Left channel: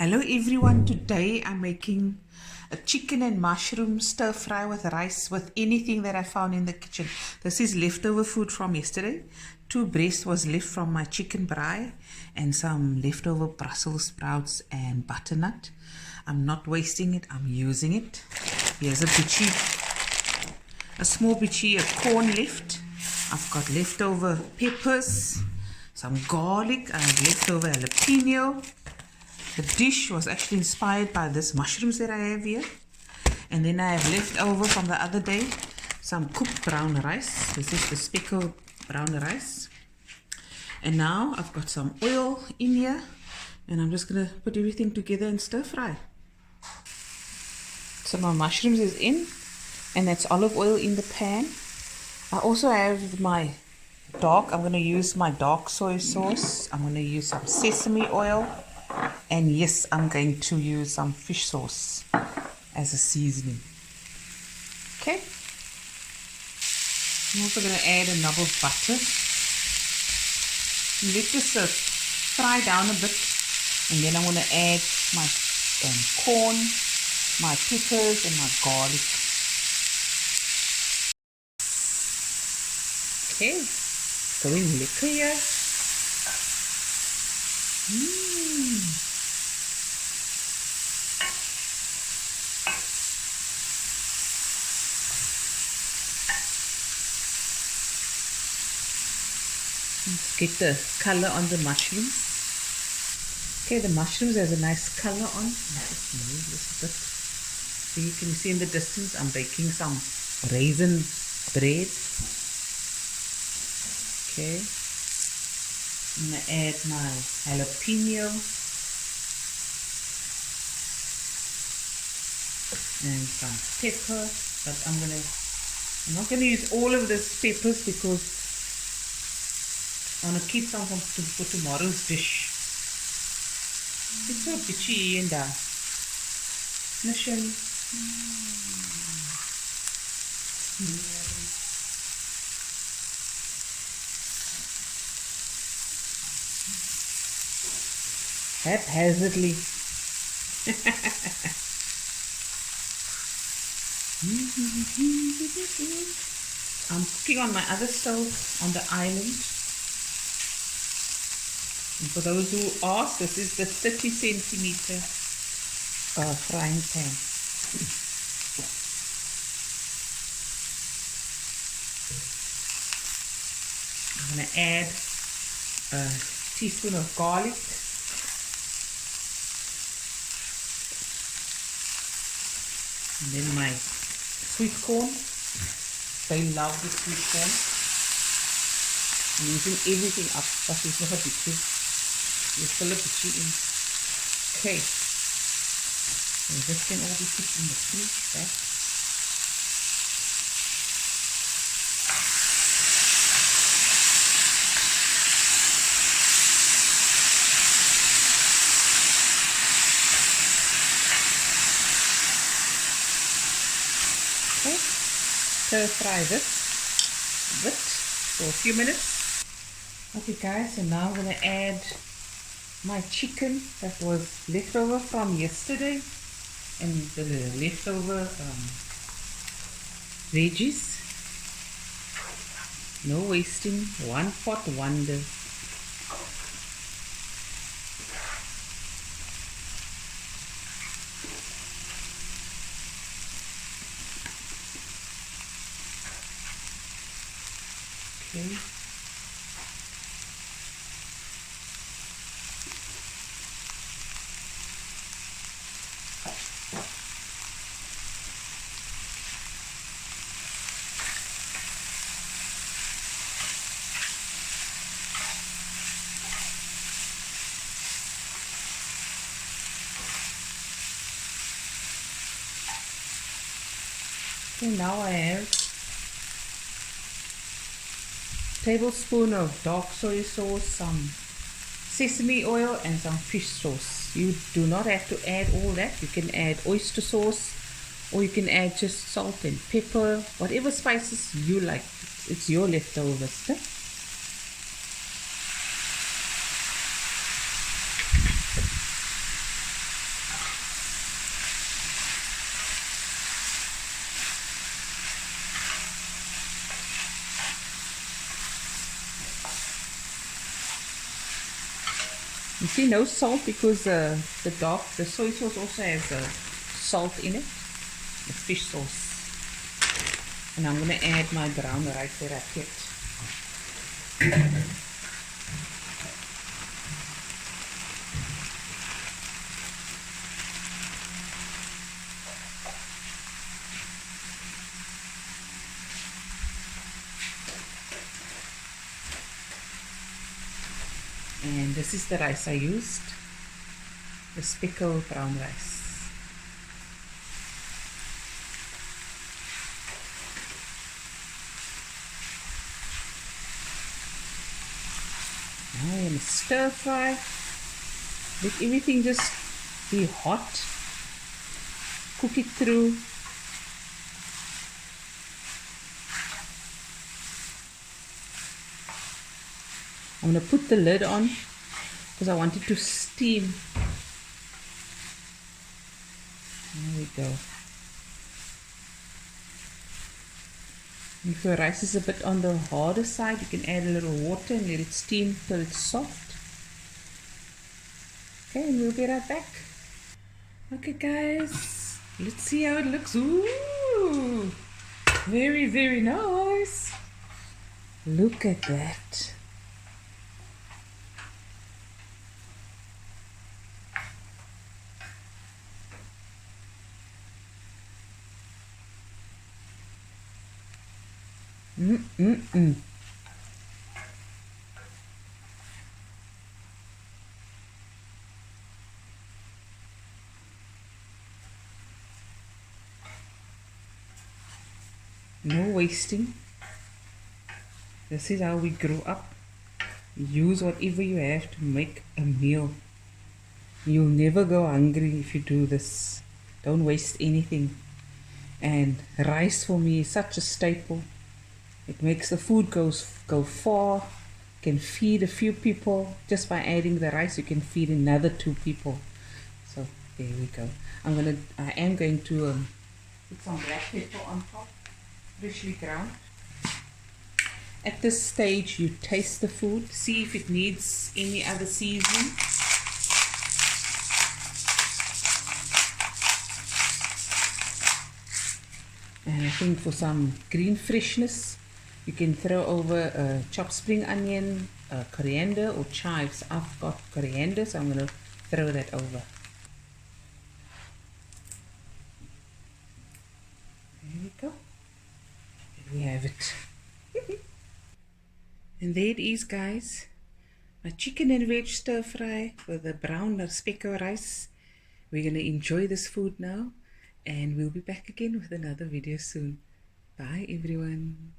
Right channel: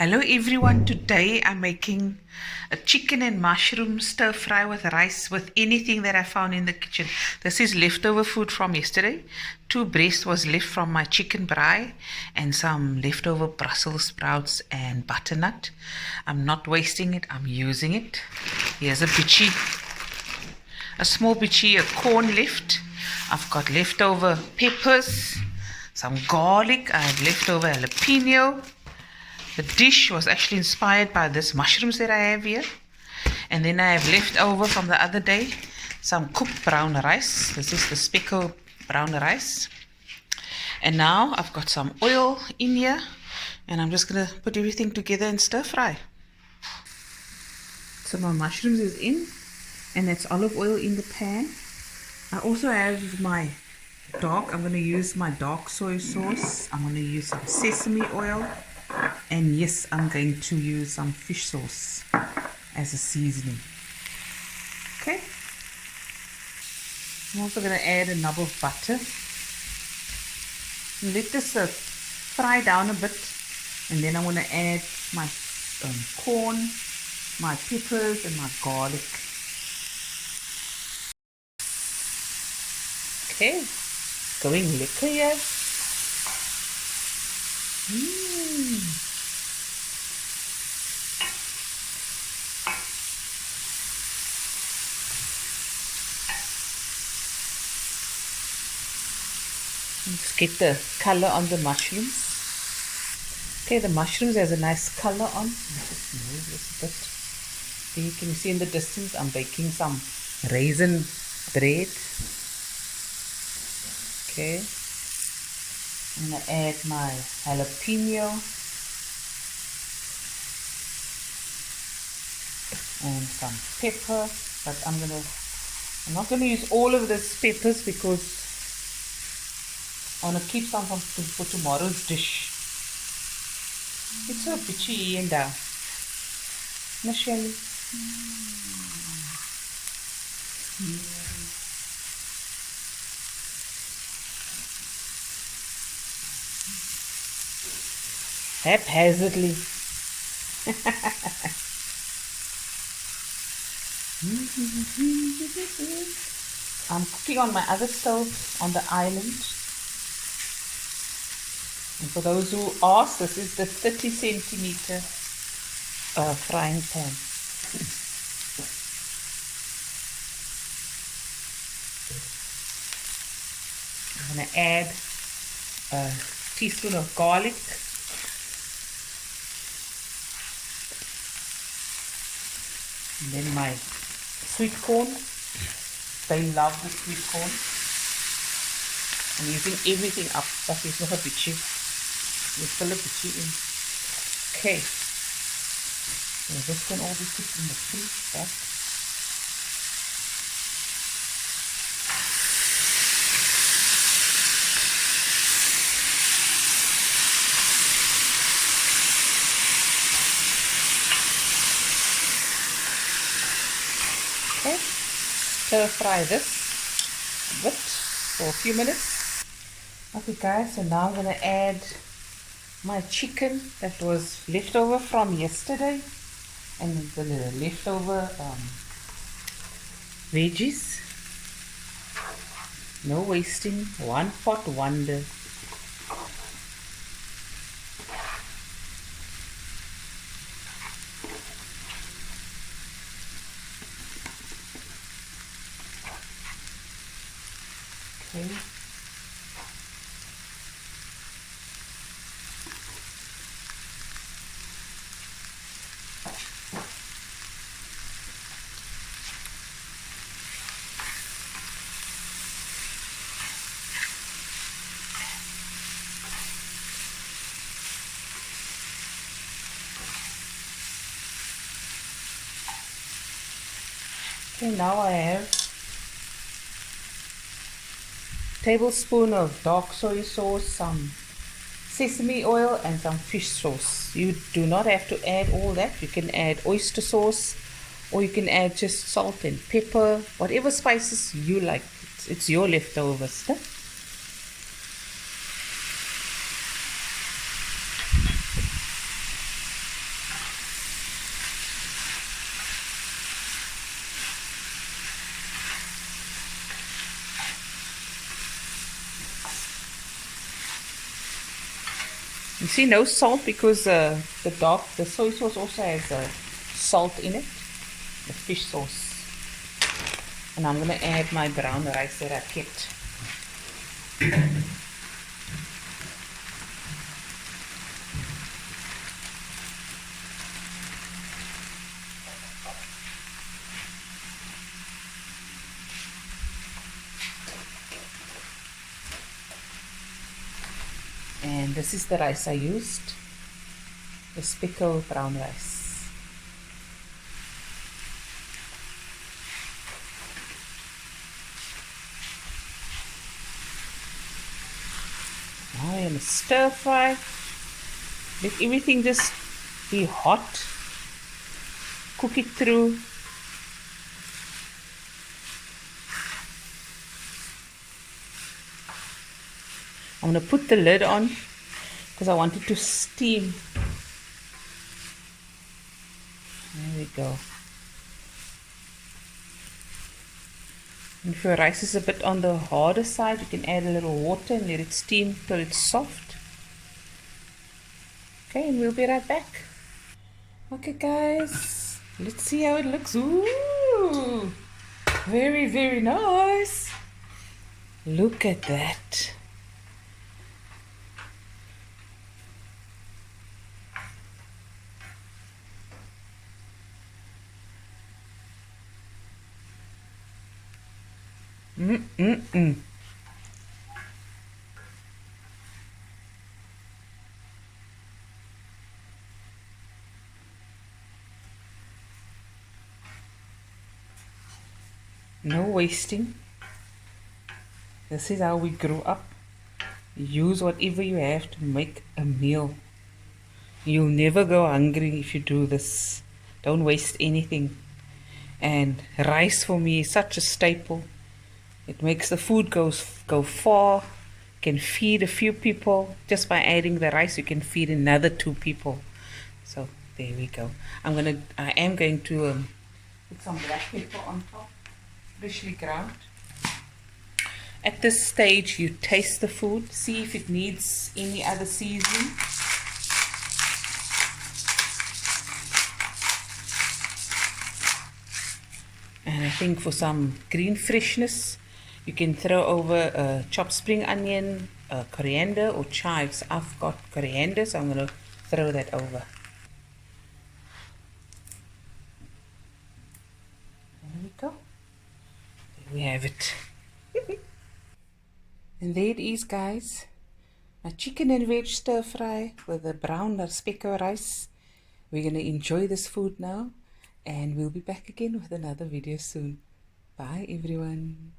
Hello everyone, today I'm making a chicken and mushroom stir fry with rice with anything that I found in the kitchen. This is leftover food from yesterday. 2 breasts was left from my chicken braai and some leftover Brussels sprouts and butternut. I'm not wasting it, I'm using it. Here's a bitchy, a small bitchy, a corn left. I've got leftover peppers, some garlic, I have leftover jalapeno. The dish was actually inspired by this mushrooms that I have here. And then I have left over from the other day some cooked brown rice. This is the Spekko Brown rice. And now I've got some oil in here. And I'm just going to put everything together and stir fry. So my mushrooms is in. And that's olive oil in the pan. I also have my I'm going to use my dark soy sauce. I'm going to use some sesame oil. And yes, I'm going to use some fish sauce as a seasoning. Okay. I'm also going to add a knob of butter. Let this fry down a bit. And then I'm going to add my corn, my peppers and my garlic. Okay. Going liquor here. Let's get the color on the mushrooms. Okay, the mushrooms has a nice color on. Just move this a bit. So you can see in the distance I'm baking some raisin bread. Okay. I'm going to add my jalapeno and some pepper, but I'm not going to use all of these peppers because I want to keep some for tomorrow's dish. It's so bitchy and down. Michelle. Haphazardly. I'm cooking on my other stove on the island. And for those who ask, this is the 30 centimeter frying pan. I'm going to add a teaspoon of garlic. And then my sweet corn. They love the sweet corn. I'm using everything up. That is not a bitchy. You fill a bitchy in. Okay. So this can all be put in the freezer. Okay, stir fry this a bit for a few minutes. Okay guys, so now I'm going to add my chicken that was left over from yesterday and the leftover veggies. No wasting, one pot wonder. Okay. Okay, now I have a tablespoon of dark soy sauce, some sesame oil and some fish sauce. You do not have to add all that. You can add oyster sauce or you can add just salt and pepper, whatever spices you like. It's your leftovers. Huh? You see, no salt because the soy sauce also has salt in it, the fish sauce. And I'm going to add my brown rice that I kept. And this is the rice I used, the Spekko Brown rice. Now I'm going to stir fry. Let everything just be hot. Cook it through. I'm going to put the lid on because I want it to steam. There we go. And if your rice is a bit on the harder side, you can add a little water and let it steam till it's soft. Okay, and we'll be right back. Okay guys, let's see how it looks. Ooh, very, very nice. Look at that. No wasting. This is how we grew up. Use whatever you have to make a meal. You'll never go hungry if you do this. Don't waste anything. And rice for me is such a staple. It makes the food go far. Can feed a few people. Just by adding the rice, you can feed another 2 people. So there we go. I am going to put some black pepper on top, freshly ground. At this stage, you taste the food, see if it needs any other seasoning. And I think for some green freshness, you can throw over chopped spring onion, coriander or chives. I've got coriander, so I'm going to throw that over. There we go. There we have it. And there it is, guys. My chicken and veg stir fry with the brown Spekko rice. We're going to enjoy this food now. And we'll be back again with another video soon. Bye, everyone.